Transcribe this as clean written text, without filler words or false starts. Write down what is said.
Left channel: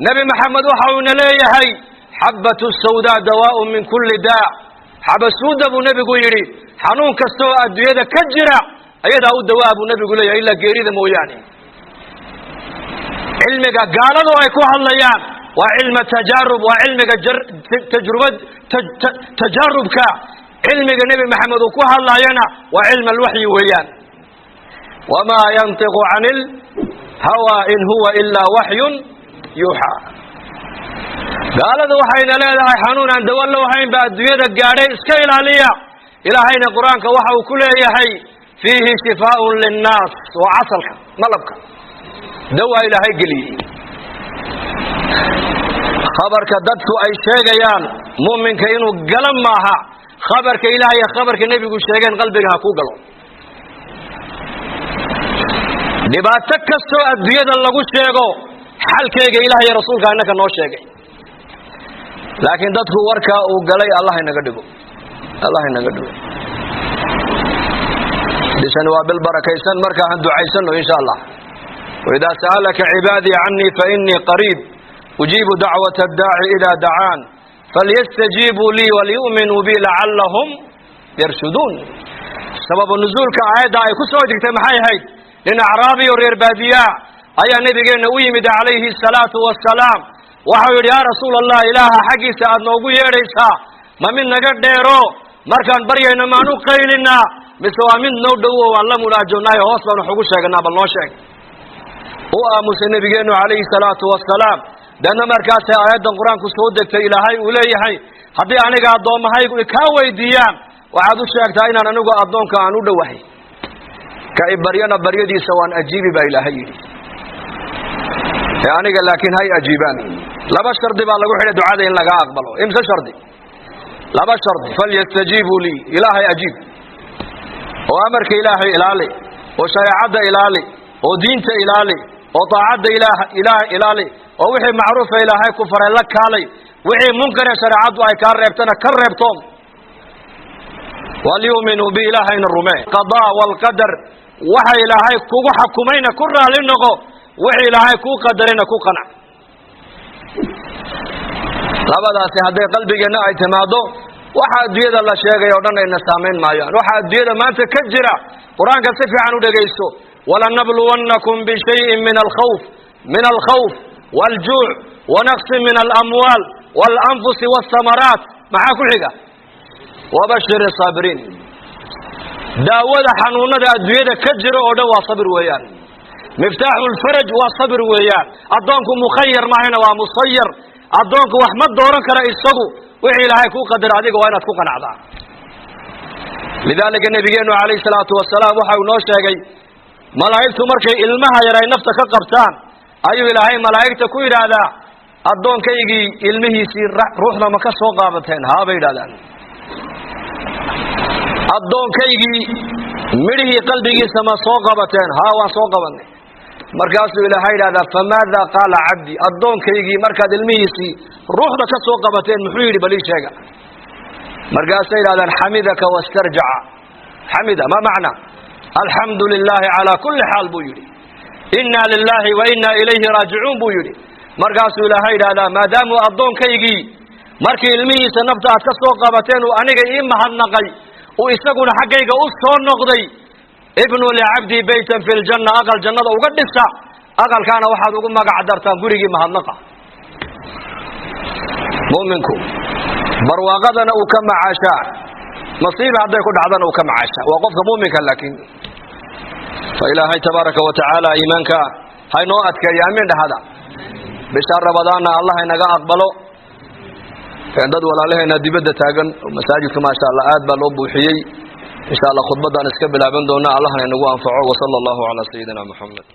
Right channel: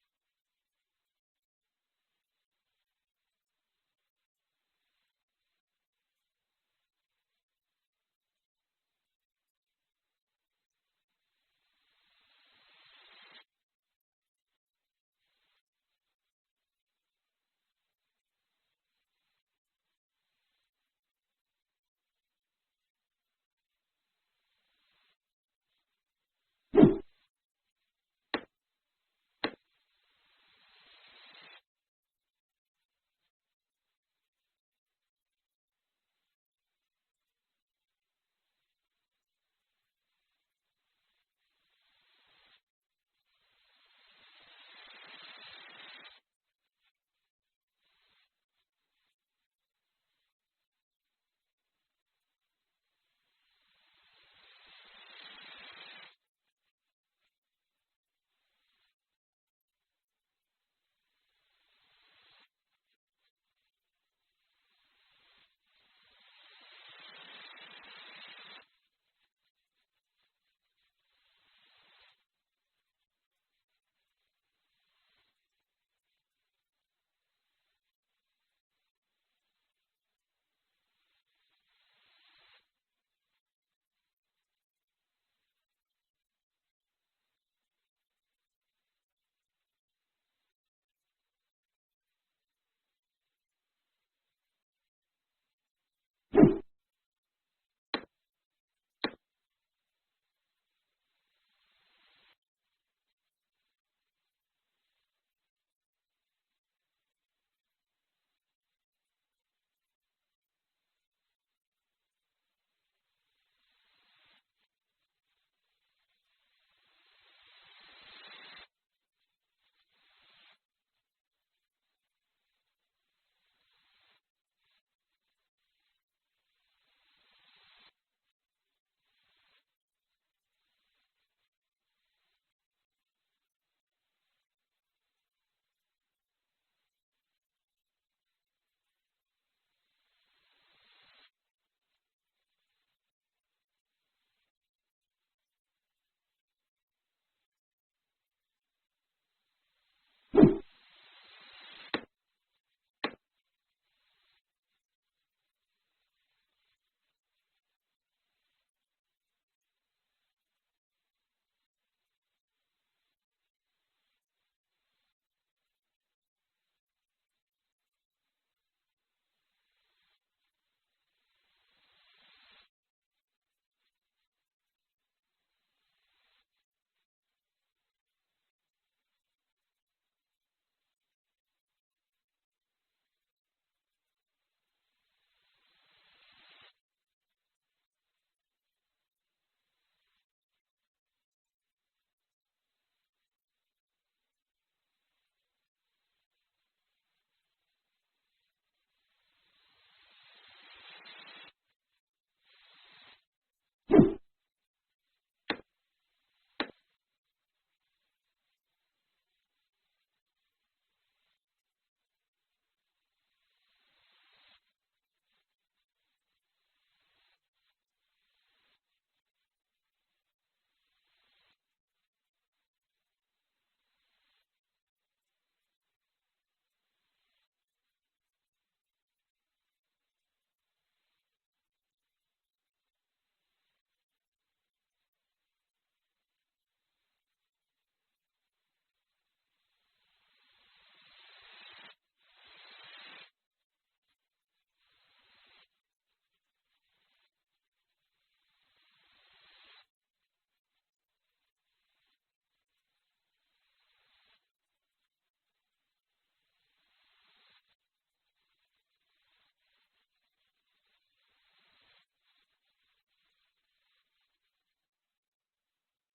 نبي محمد وحاونا ليهي حبة السوداء دواء من كل داء حبة السوداء أبو نبي قيري حنون كستوى الدوية كجرة أيضا أو الدواء أبو نبي قيري إلا قيري موياني علمك قالوا ويكوها الليان وعلم تجارب وعلمك تجربك علمك نبي محمد وكوها الليانا وعلم الوحي ويان وما ينطق عن الهوى إن هو إلا وحي يوحى قالوا وحينا لا حنون عند ولا وحين بعد يدك قاري اسكيل عليا إلهين قرآنك وحو كل يحي فيه شفاء للناس وعسلك ملبك دواء إلهي قلي خبرك ددت أي شيء يان مؤمنك إنه قلم معها خبرك إلهي خبرك النبي يقول شيئا قلبك هكو قلم نباتك كستو الدياد اللي قلت شيئا حالك إلهي رسولك أنك نو شيئا لكن ددت وركا وقلي الله ينقدقه الله ينقدقه لسان وبالبركة يسان مركا عند عيسان إن شاء الله وإذا سألك عبادي عني فإني قريب أجيب دعوة الداعي إذا دعان فليستجيبوا لي وليؤمنوا بي لعلهم يرشدون سبب النزول كعادة يكسوا تجتمعي هاي لأن أعرابي ورير بادية أي نبي ويمد عليه الصلاة والسلام وحول يا رسول الله إله حقي سعد نوبو يريسا ما من نقد ديرو مركان برينا ما نقيلنا مسوا من نودو والله مراجعنا يوصلنا حقوق شيئا بالنوشك وآمس النبي عليه الصلاة والسلام دان مركز آيات القرآن كسودك إلهي وليهي هدي أنا قاعد دوم هاي كاوي ديان وعدو الشيخ تاينا أنا نقول أضون كأنو دوحي كإبريانا بريدي سواء أجيبي بإلهي يعني قال لكن هاي أجيباني لا بشر دي بالله وحده دعاء إن لقى أقبله إمسى شردي لا بشر دي فليستجيبوا لي إلهي أجيب وأمرك إلهي إلالي وشريعة إلالي ودينت إلالي وطاعة إلالي ووحي معروف إلهي كفر لك علي وحي منكر شريعة أي كربتنا كربتهم وليؤمنوا بإلهين الرمي قضاء والقدر وحي إلهي كو حكمين كرها للنغو وحي إلهي كو قدرين كو قنع لابد هذا قلبي جنا اعتماده waxa adduunyada la sheegay oo dhan ay nasaameyn maayaan waxa adduunyada maanta ka jira quraanka si fiican u dhageysto wala nabluwannakum bi shay'in min al-khawf wal-ju' wa naqs min al-amwal wal-anfus was-samarat maxa ku xiga wa bashir as-sabirin daawada xanuunada adduunyada ka jira oo dhan waa sabir weeyaan miftaaxul faraj waa sabir weeyaan adoonku mukhayyar maahina waa musayyar adoonku wax ma dooran kara isagu wixii ilaahay ku qadar adiga waa inaad ku qanacdaa lidaalika nabigeenu alayhi salaatu wasalaam waxa uu noo sheegay malaa'iktu markay ilmaha yar ay nafta ka qabtaan ayuu ilaahay malaa'ikta ku yiraahdaa adoonkaygi ilmihiisii ruuxda ma ka soo qaabateen haa bay yiraahdaan adoonkaygi midhii qalbigiisa ma soo qabateen haa waan soo qabanay markaasuu ilaahay yiraahdaa famaada qaala abdi adoonkaygi markaad ilmihiisii ruuxda ka soo qabateen muxuu yiri bali sheega markaasay yiraahdaan xamidaka wastarja'a xamida ma macna alhamdulillahi ala kulli hal buu yiri inna lillahi wa inna ilayhi raaji'un buu yiri markaasuu ilaahay yiraahdaa maadaama adoonkaygi markii ilmihiisa nafta aad ka soo qabateen oo aniga ii mahadnaqay oo isaguna xaqayga u soo noqday ibnu li'abdi baytan fil janna aqal jannada uga dhisa aqalkaana waxaad ugu magac dartaan gurigii mahadnaqa mu'minku barwaaqadana uu ka macaasha nasiib haday ku dhacdana uu ka macaasha waa qofka mu'minka laakiin fa ilaahay tabaaraka wa ta'ala iimaanka hayno adkeeyo aamin dhahada bisha rabadaana allah inaga aqbalo dad walaalaheena dibadda taagan masaajidka ma sha Allah aad baa loo buuxiyay إن شاء الله خطبة دان اسكبل عبندونا الله ينقو أنفعه وصلى الله على سيدنا محمد